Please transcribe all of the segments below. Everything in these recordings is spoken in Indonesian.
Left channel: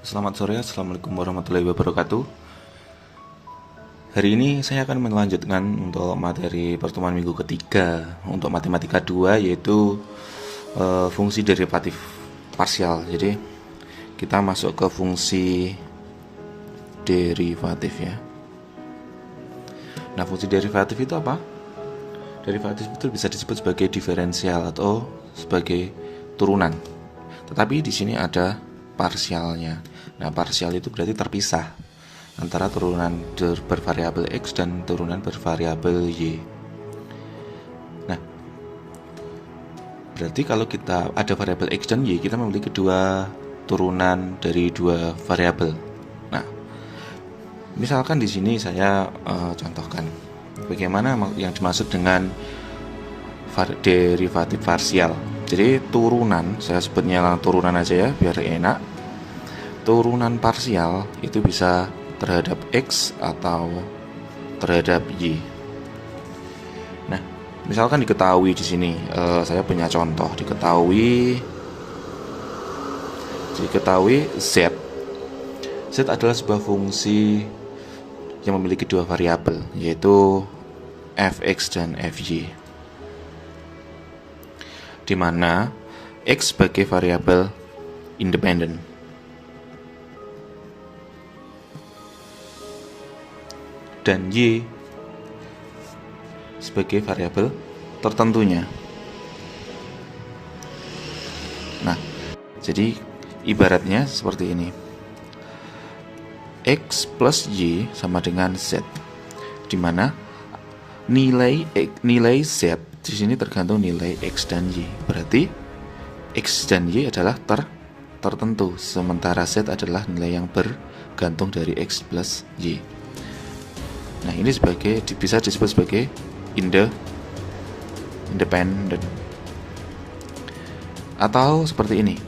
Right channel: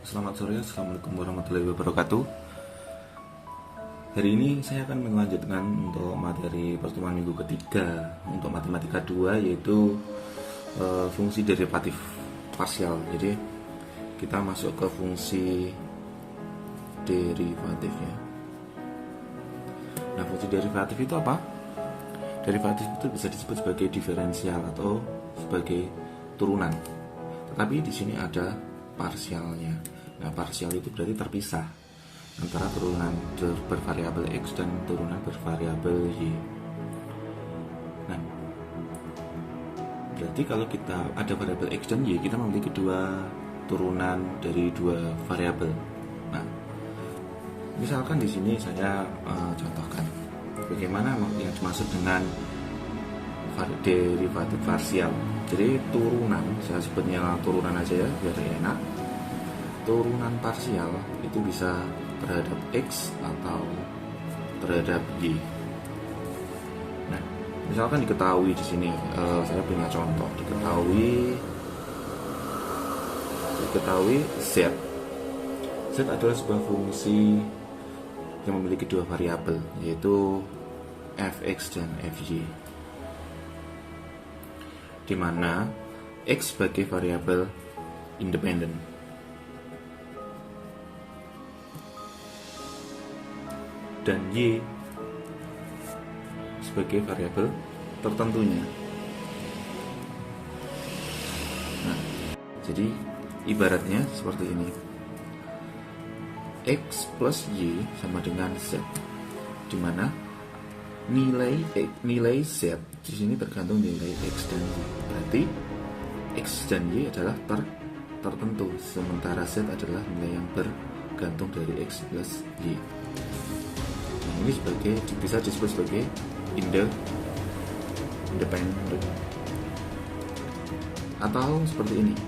Selamat sore, Assalamualaikum warahmatullahi wabarakatuh. Hari ini saya akan melanjutkan untuk materi pertemuan minggu ketiga untuk matematika 2, yaitu fungsi derivatif parsial. Jadi kita masuk ke fungsi derivatif ya. Nah, fungsi derivatif itu apa? Derivatif itu bisa disebut sebagai diferensial atau sebagai turunan. Tetapi di sini ada parsialnya. Nah, parsial itu berarti terpisah antara turunan bervariabel X dan turunan bervariabel Y. Nah, berarti kalau kita ada variabel X dan Y, kita memiliki dua turunan dari dua variabel. Nah, misalkan di sini saya contohkan bagaimana yang dimaksud dengan derivatif parsial. Jadi turunan, saya sebutnya turunan aja ya biar enak. Turunan parsial itu bisa terhadap X atau terhadap Y. Nah, misalkan diketahui di sini, saya punya contoh, diketahui Z. Z adalah sebuah fungsi yang memiliki dua variabel, yaitu fx dan fy, di mana X sebagai variabel independen dan Y sebagai variabel tertentunya. Nah, jadi ibaratnya seperti ini. X plus Y sama dengan Z, di mana nilai Z di sini tergantung nilai X dan Y. Berarti X dan Y adalah tertentu, sementara Z adalah nilai yang bergantung dari X plus Y. Nah, ini bisa disebut sebagai independent. Atau seperti ini.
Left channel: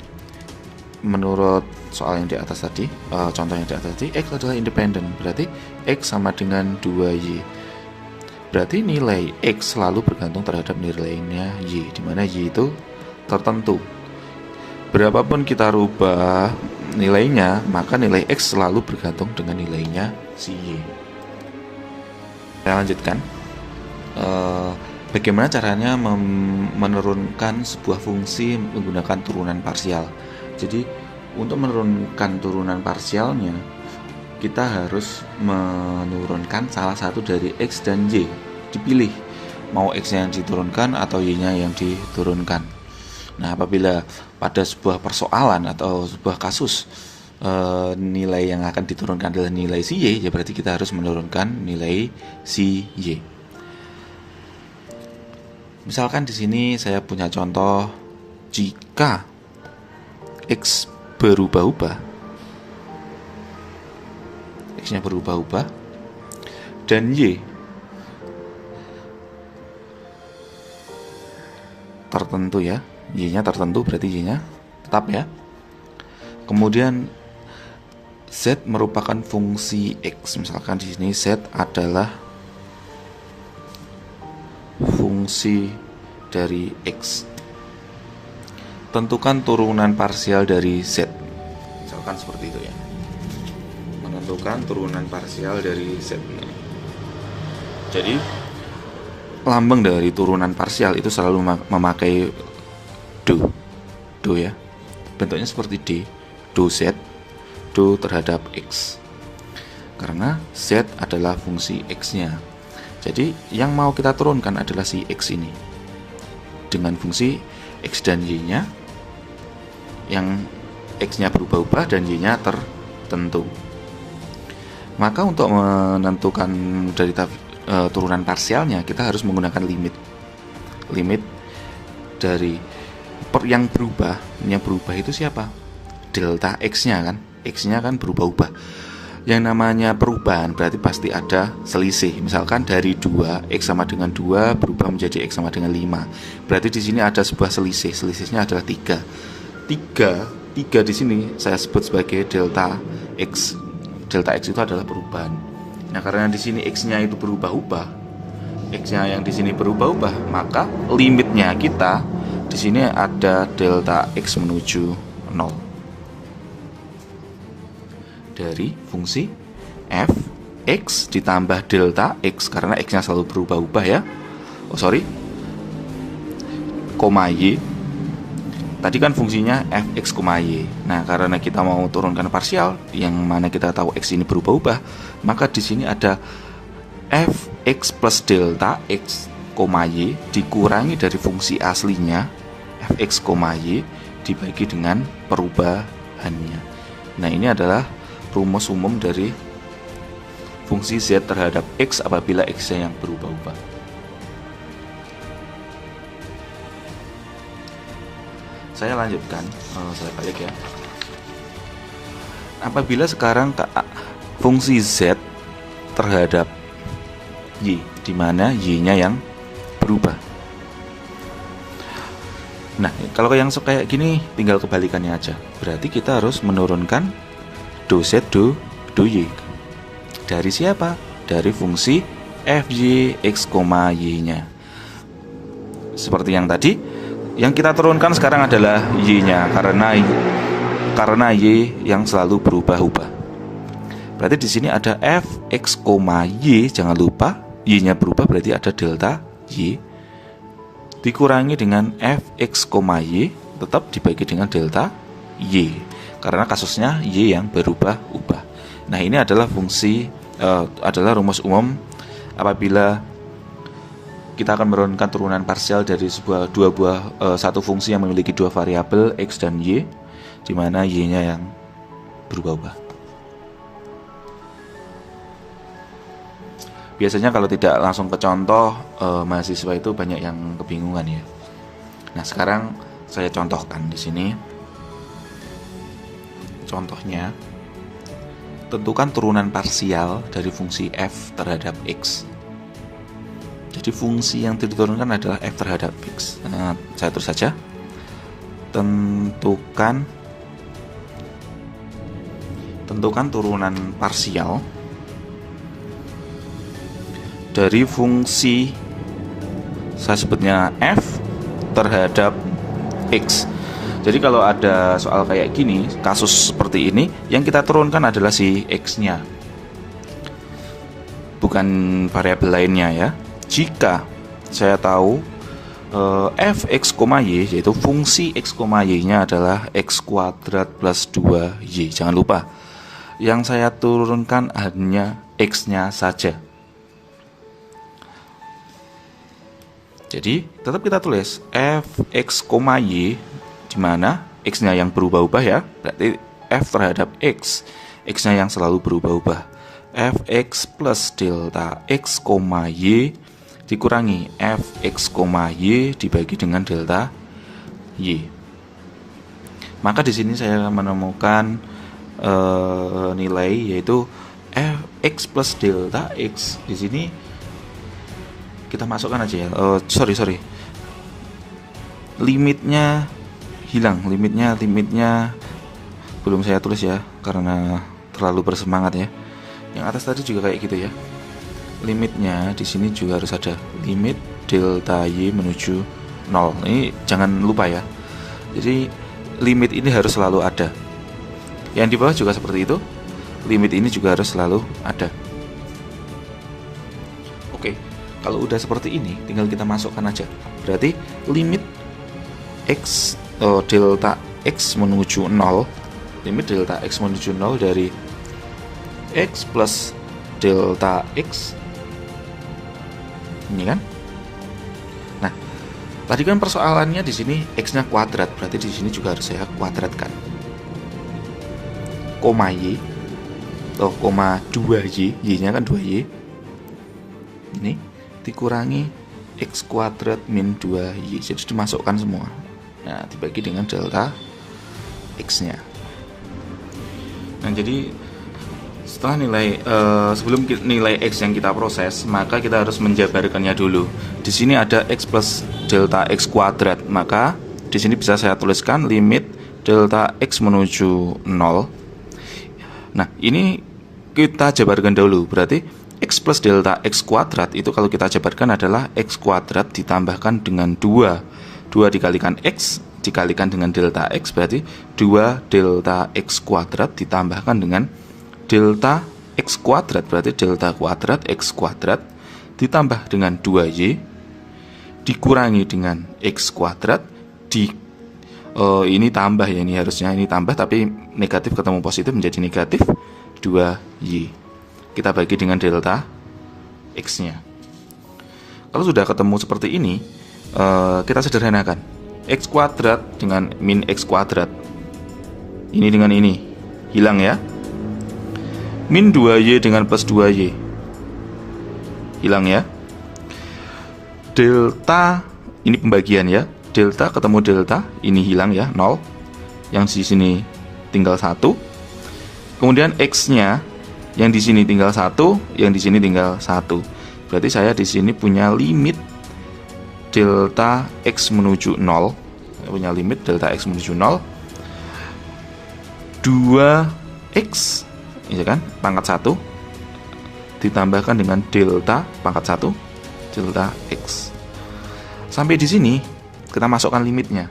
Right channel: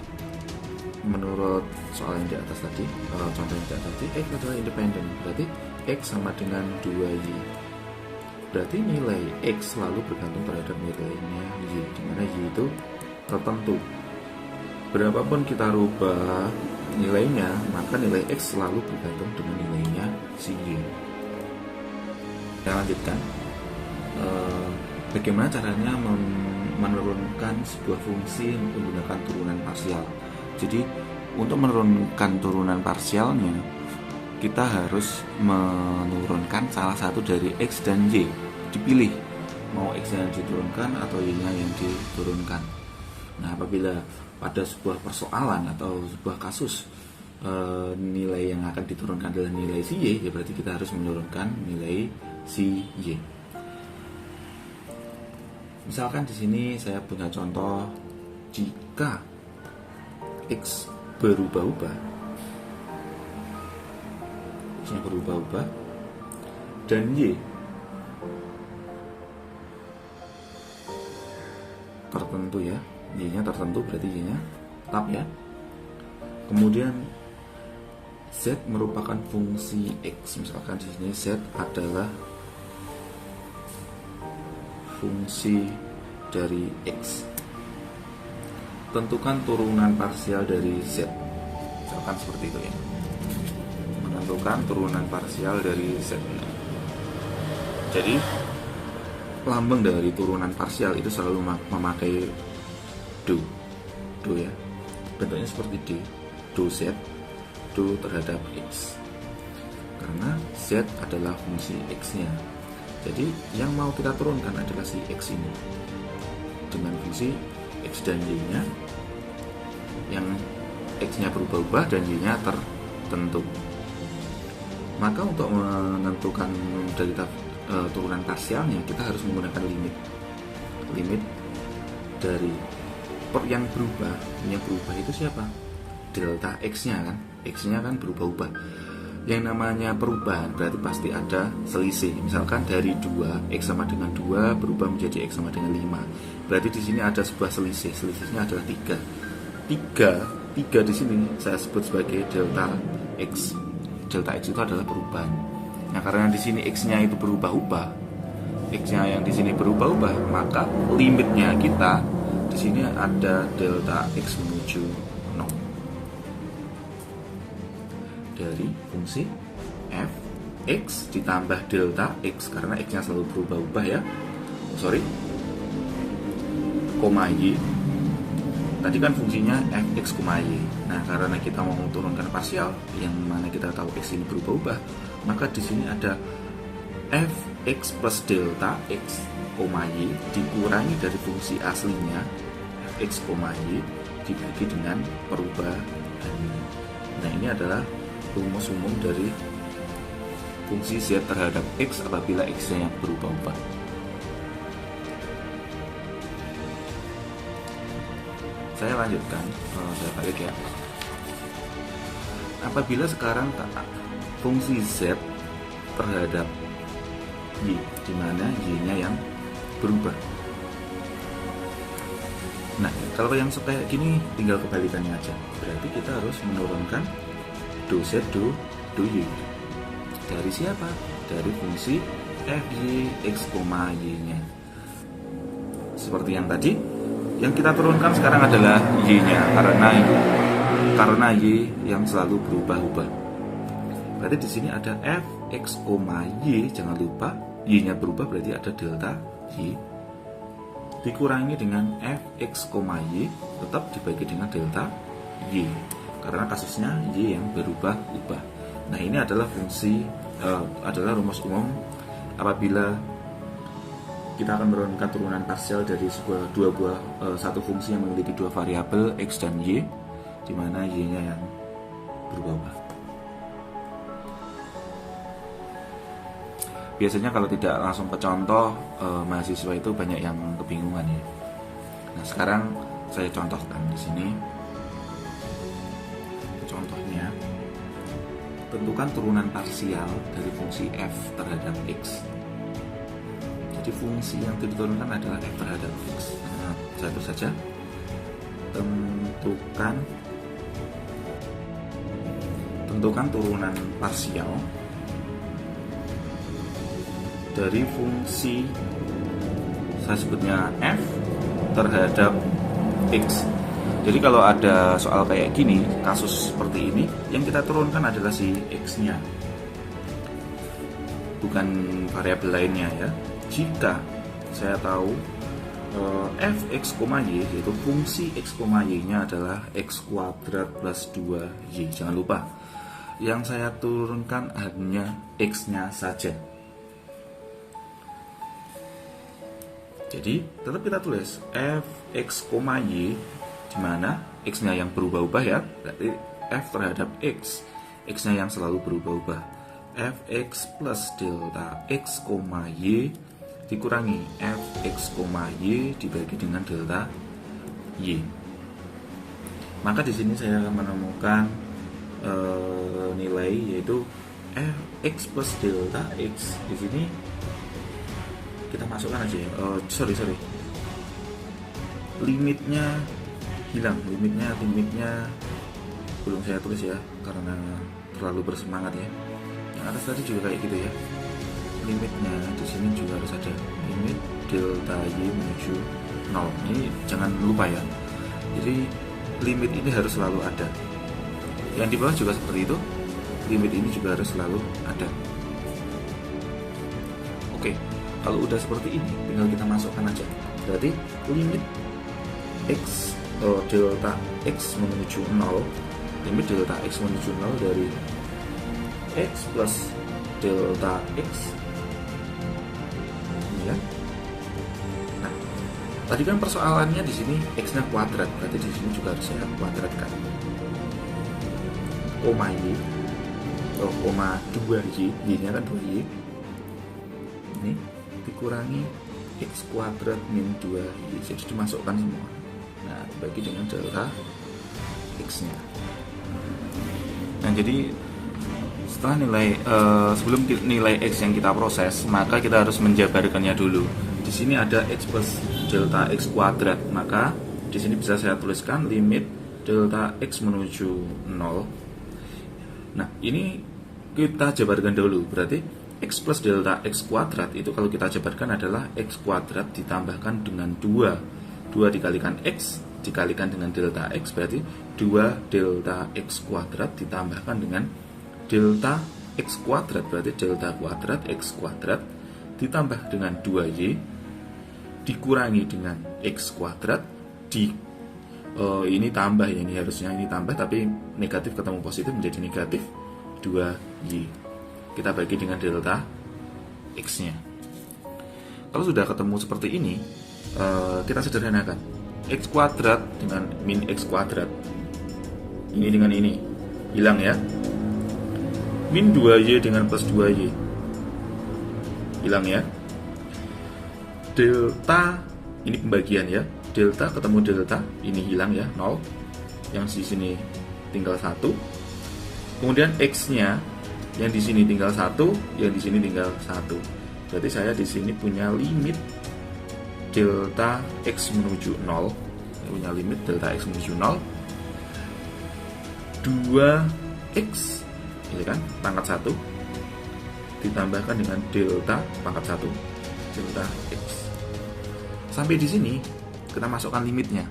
Menurut soal yang di atas tadi, contoh yang di atas tadi, X adalah independen. Berarti X sama dengan 2Y. Berarti nilai X selalu bergantung terhadap nilainya Y, di mana Y itu tertentu. Berapapun kita rubah nilainya, maka nilai X selalu bergantung dengan nilainya si Y. Kita lanjutkan. Bagaimana caranya menurunkan sebuah fungsi menggunakan turunan parsial. Jadi untuk menurunkan turunan parsialnya, kita harus menurunkan salah satu dari X dan Y. Dipilih mau X yang diturunkan atau Y-nya yang diturunkan. Nah, apabila pada sebuah persoalan atau sebuah kasus nilai yang akan diturunkan adalah nilai si Y, ya berarti kita harus menurunkan nilai si Y. Misalkan di sini saya punya contoh, jika X berubah-ubah, X-nya berubah-ubah, dan Y tertentu ya, Y-nya tertentu berarti Y-nya tetap ya. Kemudian Z merupakan fungsi X. Misalkan di sini Z adalah fungsi dari X. Tentukan turunan parsial dari Z. Misalkan seperti itu ya. Menentukan turunan parsial dari Z. Jadi lambang dari turunan parsial itu selalu memakai do ya. Bentuknya seperti D, do Z, do terhadap X. Karena Z adalah fungsi X-nya. Jadi yang mau kita turunkan adalah si X ini dengan fungsi X dan Y-nya, yang X-nya berubah-ubah dan Y-nya tertentu. Maka untuk menentukan dari turunan parsialnya, kita harus menggunakan limit dari yang berubah itu siapa? Delta X-nya kan, X-nya kan berubah-ubah. Yang namanya perubahan berarti pasti ada selisih. Misalkan dari 2, X sama dengan 2 berubah menjadi X sama dengan 5. Berarti di sini ada sebuah selisih. Selisihnya adalah 3 di sini saya sebut sebagai delta X. Delta X itu adalah perubahan. Nah, karena di sini X-nya itu berubah-ubah, X-nya yang di sini berubah-ubah, maka limitnya kita di sini ada delta X menuju 0. dari fungsi f(x) ditambah delta x, karena x-nya selalu berubah-ubah ya. Koma y. Tadi kan fungsinya fx, y. Nah, karena kita mau turunkan parsial yang mana kita tahu x ini berubah-ubah, maka di sini ada fx plus delta x, y dikurangi dari fungsi aslinya fx, y dibagi dengan perubahannya. Nah, ini adalah rumus umum dari fungsi z terhadap x apabila x-nya yang berubah-ubah. Saya lanjutkan, saya balik ya. Apabila sekarang fungsi z terhadap y, di mana y-nya yang berubah. Nah, kalau yang kayak gini tinggal kebalikannya aja. Berarti kita harus menurunkan do z do y. Dari siapa? Dari fungsi fy x, y-nya. Seperti yang tadi. Yang kita turunkan sekarang adalah y-nya, karena y yang selalu berubah-ubah. Berarti di sini ada fx, y, jangan lupa y-nya berubah, berarti ada delta y dikurangi dengan fx, y tetap dibagi dengan delta y, karena kasusnya y yang berubah-ubah. Nah, ini adalah adalah rumus umum apabila kita akan menurunkan turunan parsial dari satu fungsi yang memiliki dua variabel x dan y, di mana y-nya yang berubah-ubah. Biasanya kalau tidak langsung ke contoh, mahasiswa itu banyak yang kebingungan ya. Nah, sekarang saya contohkan di sini. Contohnya, tentukan turunan parsial dari fungsi f terhadap x. Jadi fungsi yang diturunkan adalah f terhadap x. Nah, saya terus saja. Tentukan turunan parsial dari fungsi, saya sebutnya f terhadap x. Jadi kalau ada soal kayak gini, kasus seperti ini, yang kita turunkan adalah si x-nya, bukan variabel lainnya ya. Jika saya tahu fx, y, yaitu fungsi x, y-nya adalah x kuadrat plus 2y. Jangan lupa, yang saya turunkan hanya x-nya saja. Jadi tetap kita tulis fx, y, di mana x-nya yang berubah-ubah ya. Berarti f terhadap x-nya yang selalu berubah-ubah. Fx plus delta x, y dikurangi fx, y dibagi dengan delta y. Maka di sini saya menemukan nilai yaitu fx plus delta x. Di sini kita masukkan aja ya. Sorry. Limitnya hilang. Limitnya belum saya tulis ya, karena terlalu bersemangat ya. Yang atas tadi juga kayak gitu ya. Limitnya di sini juga harus ada limit delta y menuju 0. Ini jangan lupa ya. Jadi limit ini harus selalu ada. Yang di bawah juga seperti itu. Limit ini juga harus selalu ada. Oke, kalau udah seperti ini tinggal kita masukkan aja. Berarti limit x delta x menuju 0, limit delta x menuju 0 dari x plus delta x ini kan. Nah, tadi kan persoalannya di sini x-nya kuadrat, berarti di sini juga harus saya kuadratkan. Koma y, koma 2y, y-nya kan 2y. Ini dikurangi x kuadrat min 2y, jadi dimasukkan semua. Nah, dibagi dengan delta x-nya. Nah, jadi setelah sebelum nilai x yang kita proses, maka kita harus menjabarkannya dulu. Di sini ada x plus delta x kuadrat, maka di sini bisa saya tuliskan limit delta x menuju 0. Nah, ini kita jabarkan dulu. Berarti x plus delta x kuadrat itu kalau kita jabarkan adalah x kuadrat ditambahkan dengan 2 dikalikan x dikalikan dengan delta x, berarti 2 delta x kuadrat ditambahkan dengan delta x kuadrat, berarti delta kuadrat x kuadrat ditambah dengan 2y dikurangi dengan x kuadrat ini tambah ya, ini harusnya ini tambah tapi negatif ketemu positif menjadi negatif 2y. Kita bagi dengan delta x nya. Kalau sudah ketemu seperti ini, kita sederhanakan x kuadrat dengan min x kuadrat, ini dengan ini hilang ya. Min 2y dengan plus 2y hilang ya. Delta, ini pembagian ya, delta ketemu delta, ini hilang ya, 0. Yang di sini tinggal 1. Kemudian x nya yang di sini tinggal 1, yang di sini tinggal 1. Berarti saya di sini punya limit delta x menuju 0, punya limit delta x menuju 0 2x ya kan, pangkat 1 ditambahkan dengan delta pangkat 1 delta x. Sampai di sini kita masukkan limitnya.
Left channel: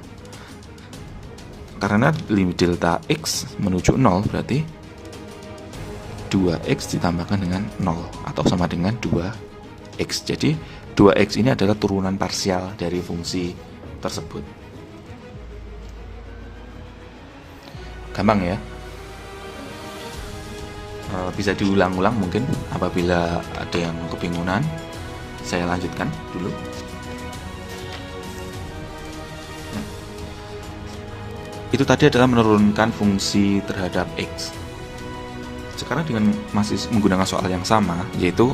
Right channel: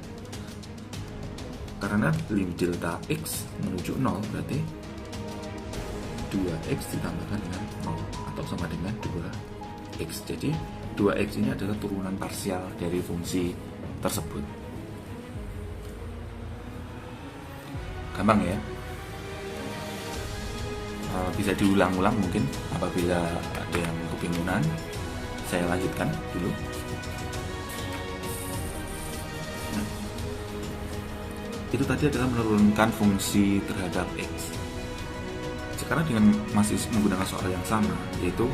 Karena limit delta x menuju 0 berarti 2x ditambahkan dengan 0 atau sama dengan 2x. Jadi 2x ini adalah turunan parsial dari fungsi tersebut. Gampang ya. Bisa diulang-ulang mungkin apabila ada yang kebingungan. Saya lanjutkan dulu. Itu tadi adalah menurunkan fungsi terhadap x. Sekarang dengan masih menggunakan soal yang sama, yaitu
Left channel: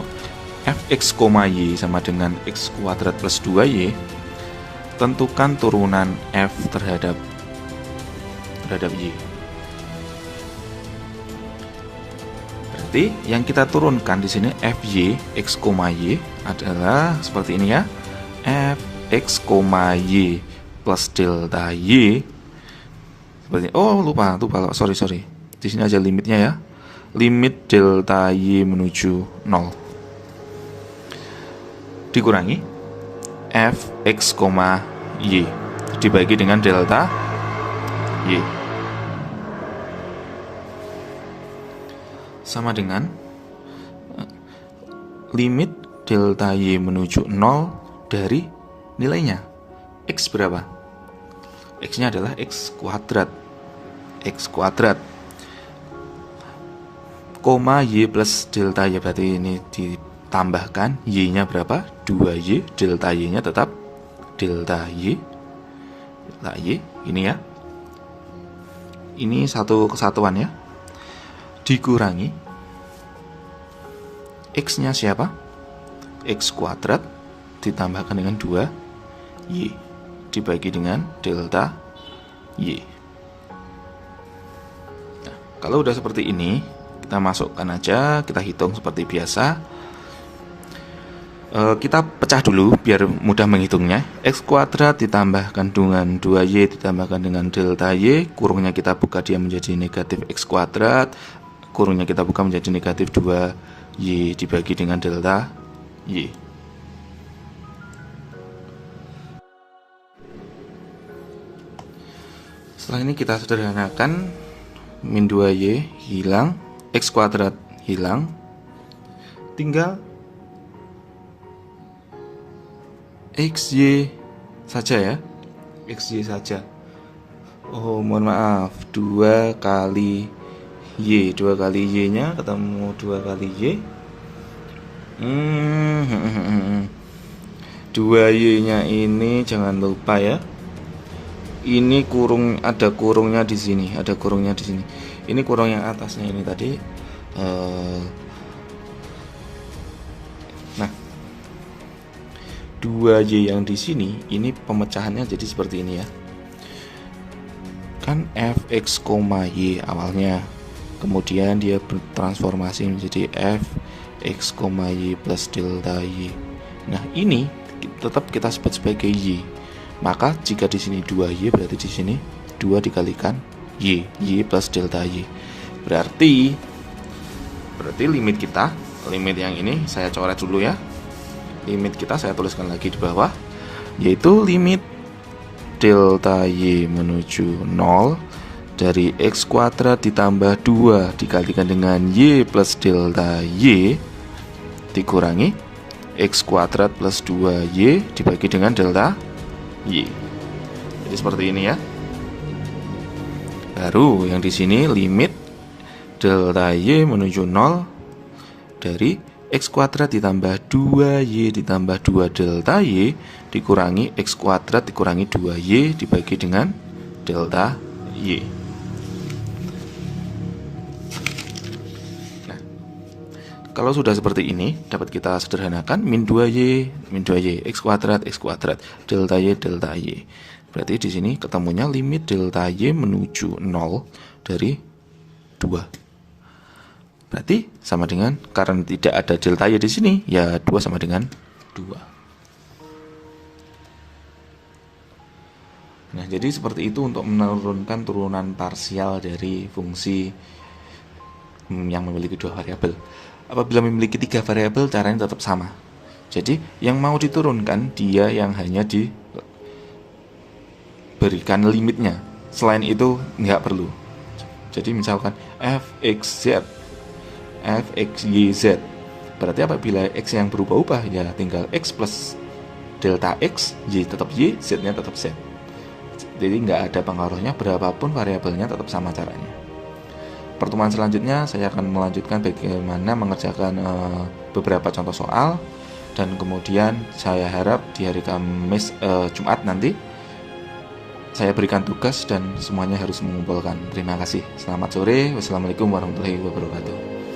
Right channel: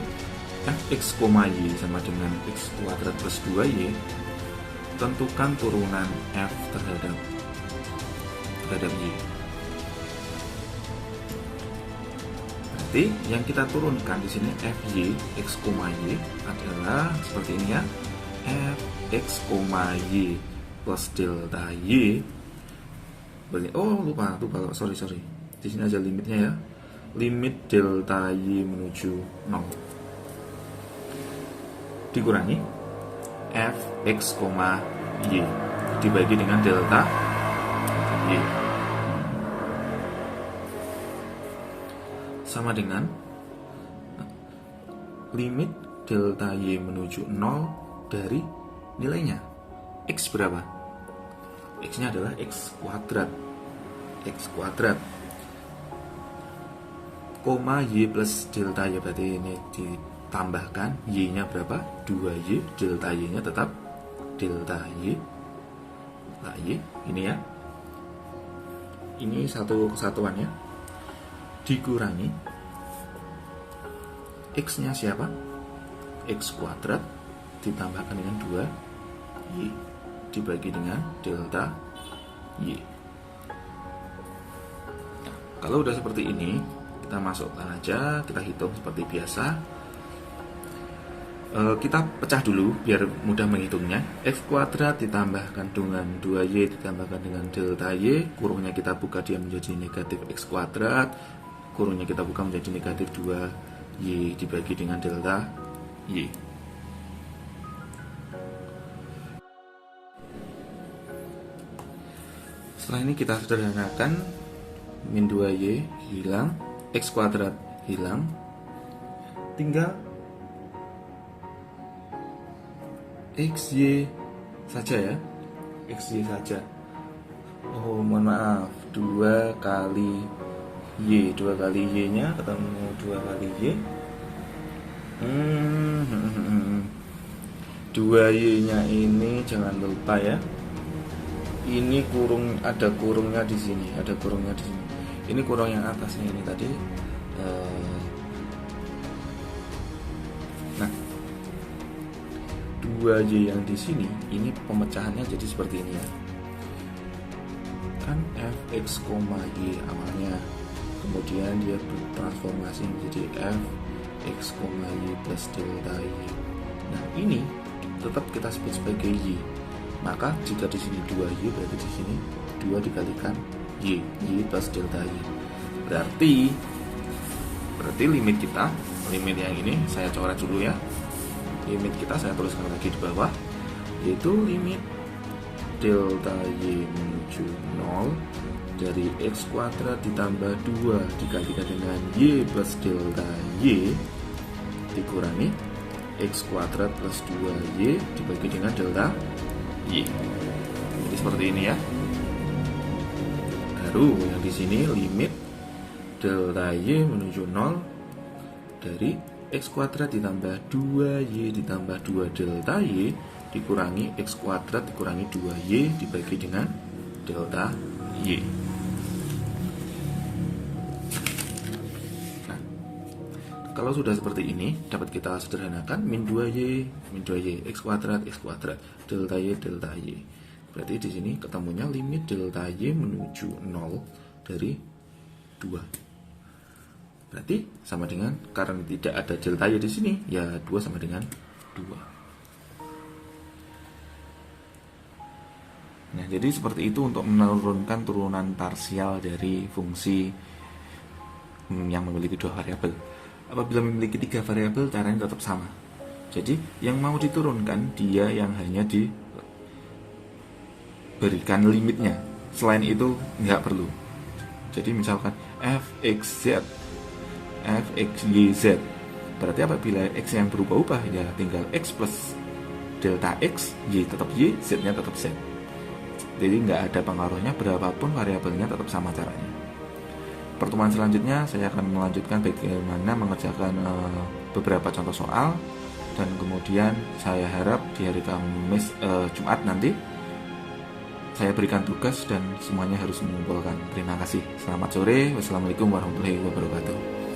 fx, y sama dengan x kuadrat plus 2y. Tentukan turunan f terhadap y. Berarti yang kita turunkan di sini fy x, y adalah seperti ini ya. Fx, y plus delta y. Seperti, lupa, sorry. Di sini aja limitnya ya. Limit delta y menuju 0 dikurangi fx, y dibagi dengan delta y sama dengan limit delta y menuju 0 dari nilainya. X berapa? X nya adalah x kuadrat, koma y plus delta y, berarti ini ditambahkan y nya berapa? 2y, delta y nya tetap delta y ini ya, ini satu kesatuan ya, dikurangi x nya siapa? X kuadrat ditambahkan dengan 2y dibagi dengan delta y. Nah, kalau udah seperti ini, kita masukkan aja, kita hitung seperti biasa. Kita pecah dulu biar mudah menghitungnya. X kuadrat ditambahkan dengan 2y ditambahkan dengan delta y, kurungnya kita buka, dia menjadi negatif x kuadrat, kurungnya kita buka menjadi negatif 2y dibagi dengan delta y. Setelah ini kita sederhanakan, min 2y hilang, x kuadrat hilang, tinggal xy saja ya, xy saja. Mohon maaf, 2 kali y, 2 kali y nya ketemu 2 kali y, 2y nya ini jangan lupa ya, ini kurung, ada kurungnya di sini, ini kurung yang atasnya ini tadi. Nah, 2y yang di sini ini pemecahannya jadi seperti ini ya. Kan fx, y awalnya, kemudian dia bertransformasi menjadi fx, y plus delta y. Nah, ini tetap kita sebut sebagai y. Maka jika di sini 2y, berarti di sini 2 dikalikan y plus delta y. Berarti limit kita, limit yang ini saya coret dulu ya. Limit kita saya tuliskan lagi di bawah, yaitu limit delta y menuju 0 dari X kuadrat ditambah 2 dikalikan dengan Y plus delta Y dikurangi X kuadrat plus 2Y dibagi dengan delta Y. Jadi seperti ini ya. Baru yang di sini limit delta Y menuju 0 dari X kuadrat ditambah 2Y ditambah 2 delta Y dikurangi X kuadrat dikurangi 2Y dibagi dengan delta Y. Nah, kalau sudah seperti ini dapat kita sederhanakan min 2Y, X kuadrat, delta Y. Berarti di sini ketemunya limit delta Y menuju 0 dari 2. Berarti sama dengan, karena tidak ada delta Y di sini, ya 2 sama dengan 2. Nah, jadi seperti itu untuk menurunkan turunan parsial dari fungsi yang memiliki 2 variabel. Apabila memiliki 3 variabel, caranya tetap sama. Jadi, yang mau diturunkan, dia yang hanya diberikan limitnya. Selain itu, nggak perlu. Jadi, misalkan fxz, fxyz. Berarti apabila x yang berubah-ubah, ya tinggal x plus delta x, y tetap y, z-nya tetap z. Jadi nggak ada pengaruhnya, berapapun variabelnya tetap sama caranya. Pertemuan selanjutnya saya akan melanjutkan bagaimana mengerjakan beberapa contoh soal, dan kemudian saya harap di hari Kamis, Jumat nanti saya berikan tugas dan semuanya harus mengumpulkan. Terima kasih. Selamat sore. Wassalamualaikum warahmatullahi wabarakatuh.